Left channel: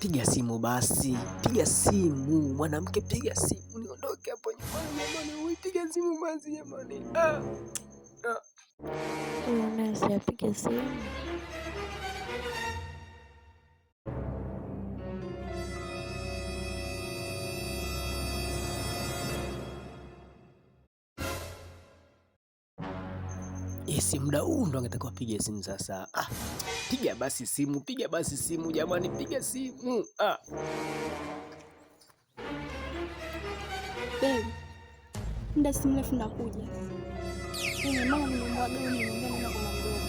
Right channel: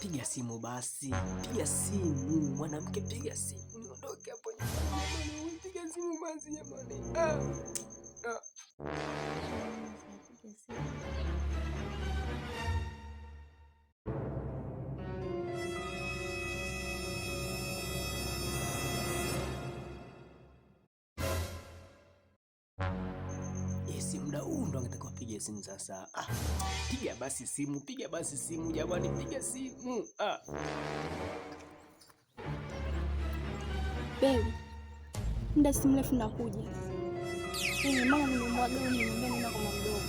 Piga simu basi, piga simu mwanamke, piga simu niondoke hapo nyumbani jamani, piga simu basi jamani. Nasi apige simu. Si muda huu ndo angetakiwa piga simu sasa. Piga basi simu, piga basi simu jamani, piga simu. Baby, muda si mrefu nakuja. Mama nimemwaga nimwambia nenda kwa mdogo.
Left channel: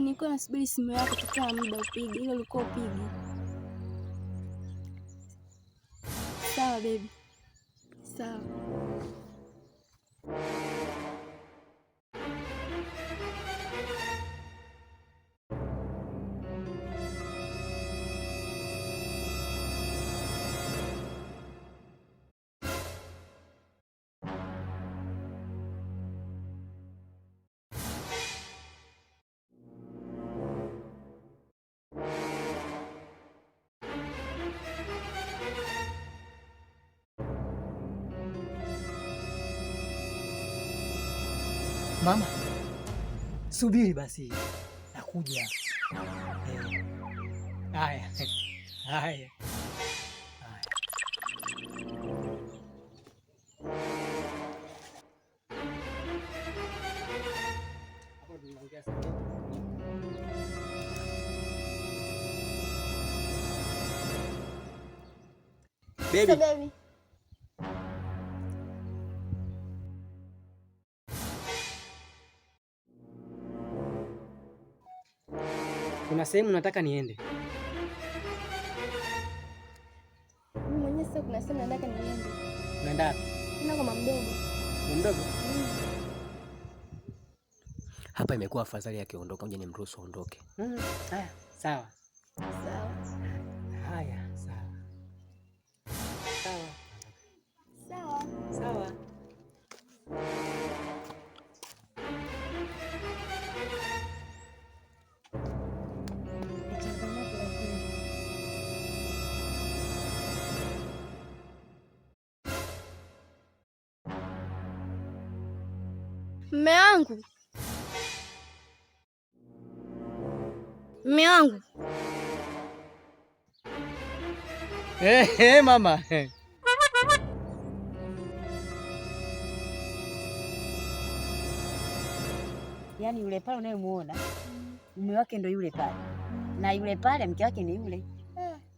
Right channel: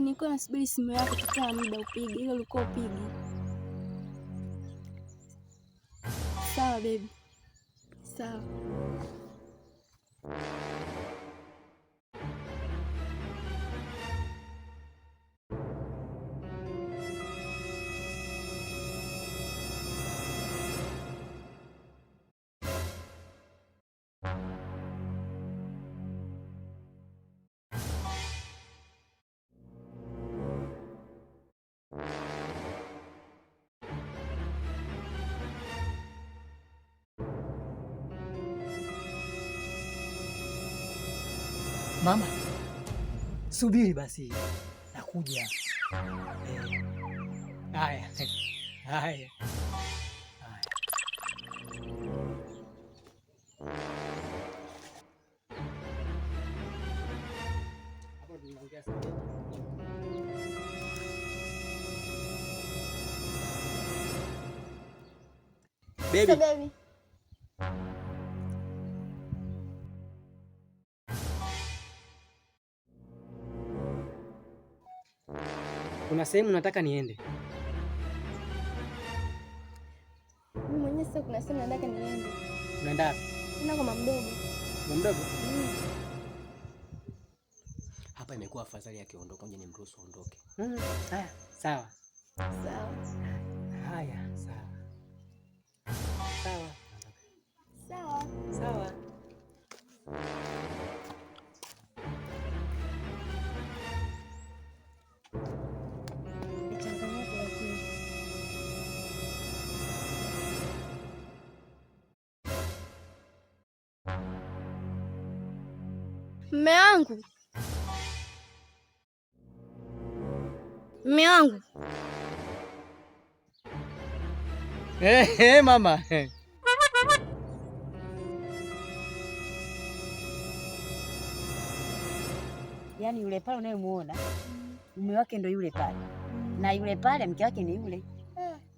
Nilikuwa nasubiri simu yako tukiwa muda upige, ile ulikuwa upige. Sawa baby. Sawa. Mama, subiri basi, nakuja. Haya. Baby. Kuna sehemu nataka niende. Mimi mwenyewe sasa kuna sehemu nataka niende. Unaenda wapi? Nenda kwa mama mdogo. Mama mdogo? Hapa imekuwa afadhali akiondoka, ngoja nimruhusu aondoke. Haya, sawa. Sawa. Haya, sawa. Sawa. Sawa. Sawa. Mume wangu. Mama. Yaani yule pale unayemuona mume wake ndo yule pale. Na yule pale mke wake ni yule.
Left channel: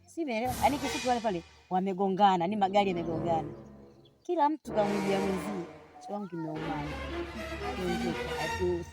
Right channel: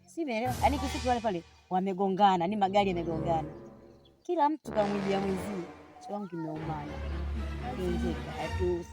Simeelewa. Yaani kifupi wale pale wamegongana, ni magari yamegongana. Kila mtu kamwijia mwenzie. Changu kimeumana. Ndio tu.